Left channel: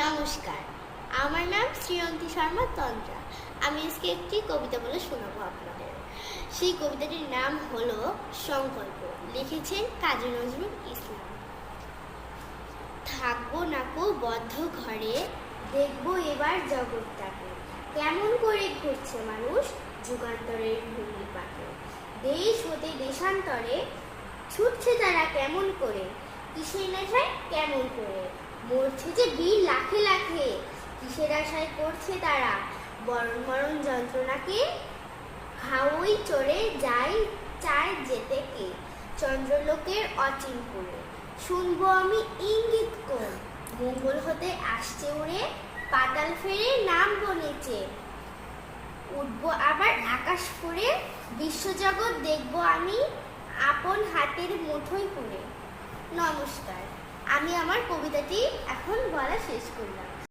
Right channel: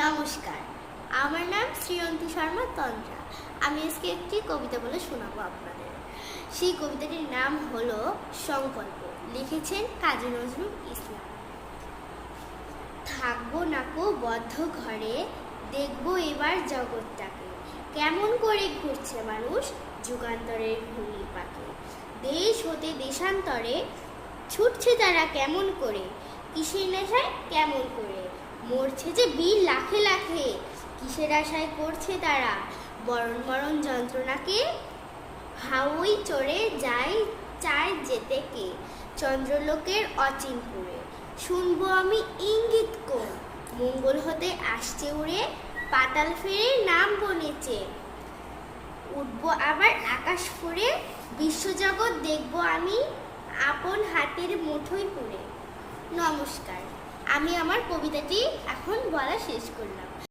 নমস্কার, আমার নাম শ্রীয়ন্তী শর্মা তন্ত্রা। আমি আজকে একটি কবিতা বলে শোনাবো আপনাদের। সেই কবিতাটির নাম হলো সংকল্প। লিখেছেন কাজী নজরুল ইসলাম। থাকবো নাকো বদ্ধ ঘরে, দেখবো এবার জগৎটাকে, কেমন করে ঘুরছে মানুষ যুগান্তরের ঘূর্ণি পাকে। দেশ হতে দেশান্তরে ছুটছে তারা কেমন করে, কিসের নেশায় কেমন করে, মরছে যে বীর লাখে লাখে, কিসের আশায় করছে তারা বরণ মরণ যন্ত্রণাকে। হাউই চড়ে যায় চায় যেতে কে, চন্দ্রলোকের অচিনপুরে। শুনবো আমি ইঙ্গিত কোন, মঙ্গল হতে আসছে উড়ে, পাতাল ফেরে নামবো নেচে। উঠবো আবার আকাশ ফুঁড়ে, বিশ্বজগৎ দেখবো আমি আপন হাতের মুঠোয় পুরে। নমস্কার, আমি আমার কবিতাটি এখন বলা শেষ করলাম।